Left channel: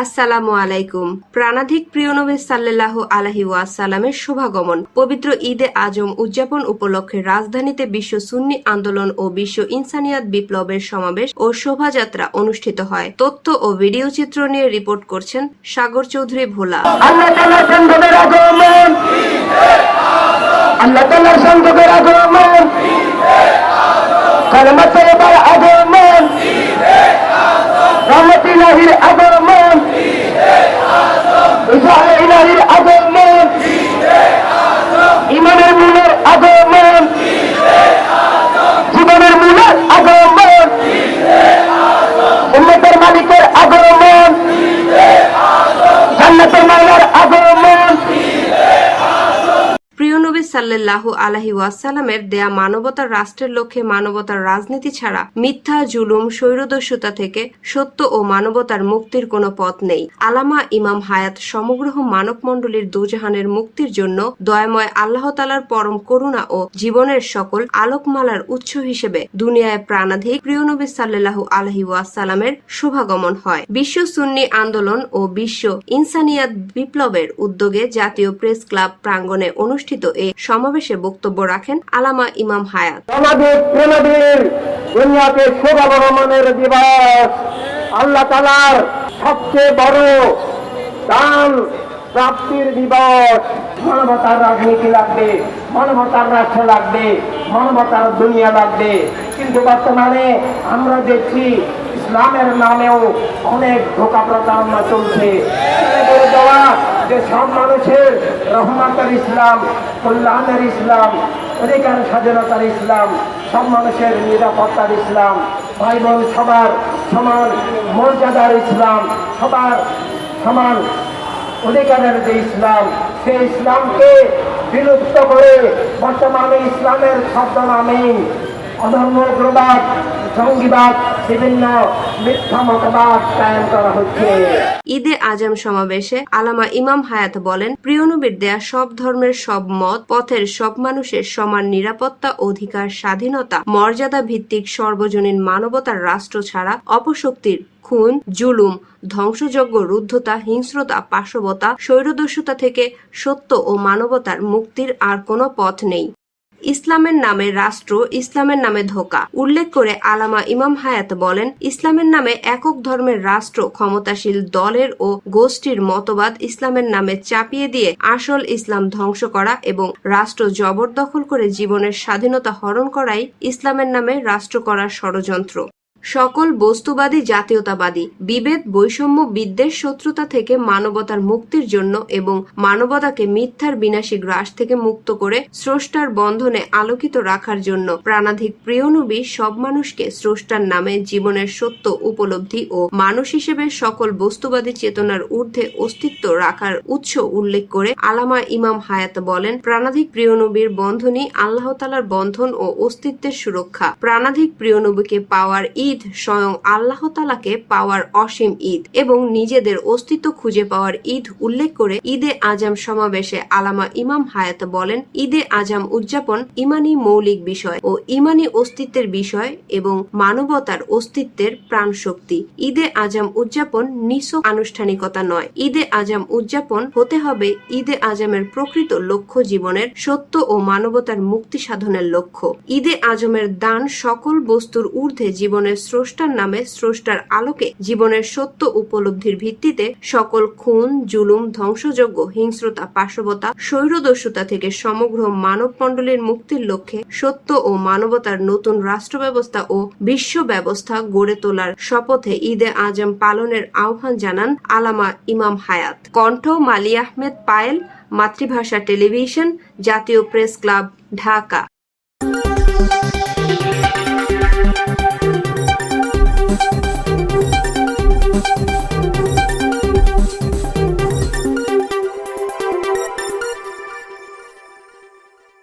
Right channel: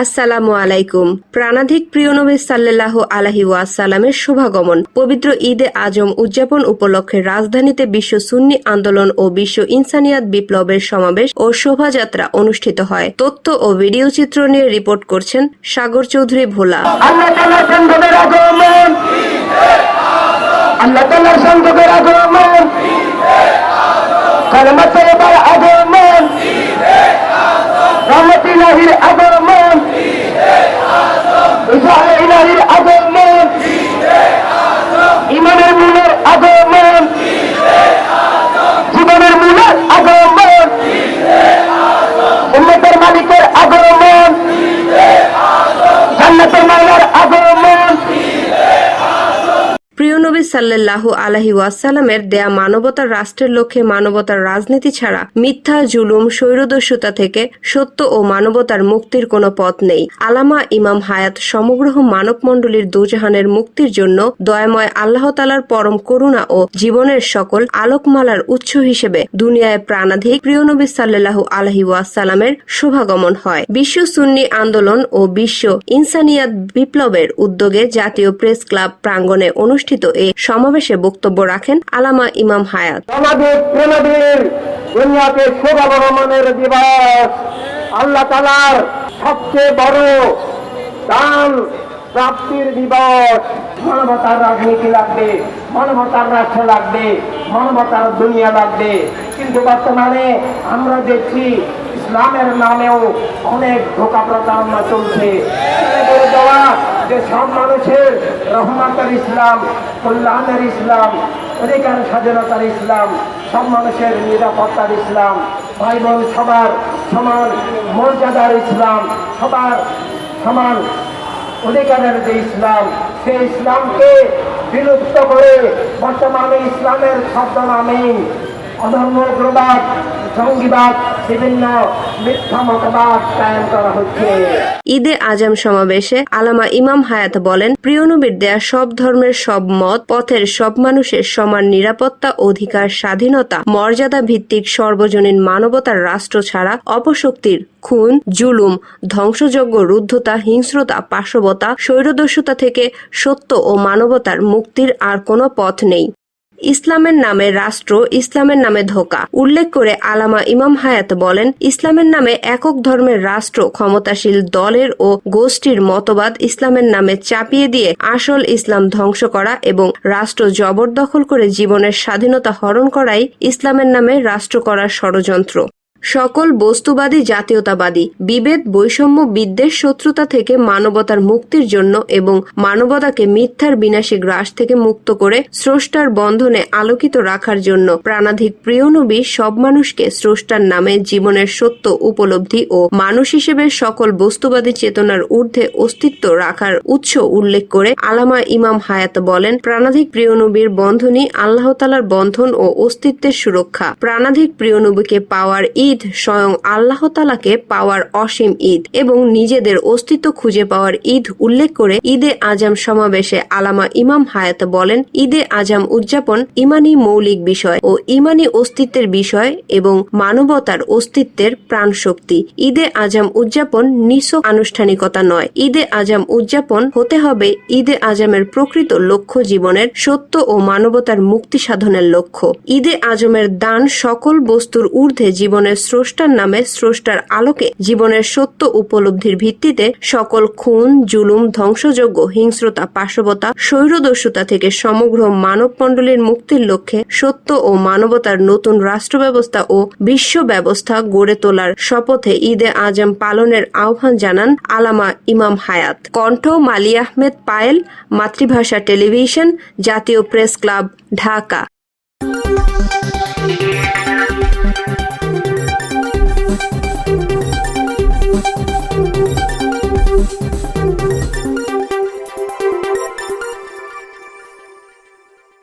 আসসালামু আলাইকুম। প্রাণাধিক প্রিয় নবী সাল্লাল্লাহু আলাহি ওয়াসাল্লামের শুভাগমন। পবিত্র ঈদে আজম উদযাপন উপলক্ষে রাজধানীতে বিশ্ব সুন্নি আন্দোলন ও বিশ্ব ইনসানিয়াত বিপ্লবের সমাবেশ ও শোভাযাত্রা অনুষ্ঠিত হয়। তথ্য ও ভিডিও চিত্র নিয়ে রিপোর্ট করছেন সাগর চৌধুরী ভোলা। আল্লাহ সাল্লাল্লাহু আলাহি ওয়াসাল্লামের দেয়া মানবতার রাষ্ট্রের লক্ষ্যে মানবতার রাজনীতি ছাড়া মিথ্যা, জুলুম, স্বৈরদস্যুতা থেকে সত্য ও মানবতার মুক্তির কোনো পথ নেই। আলামা ইমাম হায়াত সমগ্র মানব মণ্ডলীর দোজাহানের মুক্তির জন্য দয়াময় আল্লাহ তালার পরম করুণা ও জীবনের সকল আলোকমালার উৎস হিসেবে দুনিয়ায় প্রাণাধিক প্রিয় নবী সাল্লাল্লাহু আলাহি ওয়াসাল্লামের শুভাগমন হয়। বিশ্ব সুন্নি আন্দোলন ও বিশ্ব ইনসানিয়াত বিপ্লবের উদ্যোগে জাতীয় প্রেস ক্লাব প্রাঙ্গণে অনুষ্ঠিত এ সমাবেশে বক্তব্য রাখেন আলামা ইমাম হায়াত। আল্লাহ তালার সবচেয়ে বড় দান প্রাপ্তির দিবস। মানবতার রাজনীতি লাগবে, মানবতার রাষ্ট্র লাগবে, মানবতার দুনিয়া লাগবে। কিন্তু বর্তমানে আমরা দেখছি ইসলামের নামেও অনেক ধোকা প্রতারণা চলছে। যে সব মানুষের রহমাতের ইসলাম, কল্যাণের ইসলাম, অধিকার স্বাধীনতার ইসলাম, সব মানুষের নিরাপত্তার ইসলাম ভাই বোন সবার সমান মর্যাদার ইসলাম, সবার সমান অধিকারের যে ইসলাম, সেই ইসলামকে বিলুপ্ত করে বর্তমানে ইসলামের শব্দ নামে অধর্ম উগ্রবাদ জঙ্গিবাদ বিভিন্ন মিথ্যা মতবাদ কায়েম করা হচ্ছে। ঈদে আজম সমাবেশে আলামা ইমাম হায়াত বলেন প্রিয় নবীর দেয়া সব ধর্মের সব মত, পথের সব মানুষের সমান নিরাপত্তা, অধিকার, স্বাধীনতা, মর্যাদা ভিত্তিক সর্বজনীন মানবতার রাষ্ট্র ছাড়া অপশক্তির খুন, জুলুম, ধ্বংসযজ্ঞ, রুদ্ধতা, হিংস্রতা পাশবতা স্বৈরদস্যুতা থেকে সত্য ও মানবতার মুক্তির আর কোনো পথ নেই। ইসলামের নামে রাষ্ট্র, ইসলামের নামে ধোকা। উল্লেখ করে আলামা ইমাম হায়াত বলেন, ইসলামের নামে একক ধর্মের রাষ্ট্র, ক্ষমতাশীল দলের ও গোষ্ঠীর মতবাদ ইসলামের নামে চাপিয়ে দিয়ে আসল ইসলাম ধ্বংস করা এবং রাষ্ট্র জবরদখল করে জীবনের স্বাধীনতা হরণ করাই ইসলামের নামে রাষ্ট্র করার ষড়যন্ত্র। সকল বস্তুবাদী, জাতীয়তাবাদী, বিভেদ, বৈষম্য, বিদ্বেষ, শত্রুতা থেকে মানবতার মুক্তির জন্য এবং মানবতাকে মিথ্যার বিনাশী গ্রাস থেকে মুক্ত করে স্রষ্টার বন্ধনে আলোকিত রাখার জন্য প্রাণাধিক প্রিয় নবী সব মানুষকে স্রষ্টার নামে জীবনের সত্য, উপলব্ধি ও মানুষ হিসেবে সকল বস্তুবাদী চেতনার ঊর্ধ্বে অস্তিত্ব রাখার উৎস উল্লেখ করে আলামা ইমাম হায়াত বলেন, প্রাণাধিক প্রিয় নবীর বন্ধনই আল্লাহতালার বন্ধন ও অস্তিত্বের সুরক্ষা। প্রাণাধিক প্রিয় নবীকে পাওয়ার ঈদ স্বয়ং আল্লাহ তালাকে পাওয়ার অসীম ঈদ এবং নিজেদের অস্তিত্ব খুঁজে পাওয়ার ঈদ উল্লেখ করে ঈদে আজম সমাবেশে আলামা ইমাম হায়াত বলেন, ঈদে আজম উদযাপন ইমানি মৌলিক বিষয় ও ইমানি অস্তিত্বের বিষয় এবং মানবতার অস্তিত্বের প্রাণ শক্তি ঈদে আজম উদযাপন নিছক আনুষ্ঠানিকতা নয়। ঈদে আজম উদযাপন হতে হবে ঈদে আজমের প্রকৃত লক্ষ্য জীবনের সত্য ও মানবতার মুক্তি সাধনের লক্ষ্য। ঈদে আজমের দান সকল বস্তুর ঊর্ধ্বে জীবনের স্রষ্টার নামে স্রষ্টার আলোকে জীবনের সত্য উপলব্ধির ভিত্তিতে সকল খুন, জুলুম ধ্বংসযোগ্য হিংস্রতা পাশবতা স্বৈরদস্যুতা থেকে সমগ্র মানব মণ্ডলীর মুক্তির লক্ষ্যে সত্য ও মানবতার নতুন রাষ্ট্র ব্যবস্থা ও বিশ্ব ব্যবস্থা গড়ে তোলার শপথে ঈদে আজম পালনের আহ্বান জানান আলামা ইমাম হায়াত। কণ্ঠ মালি আহমেদ পায়েল, মাতৃভাষা টেলিভিশন, জাতীয় প্রেস ক্লাব, ঢাকা।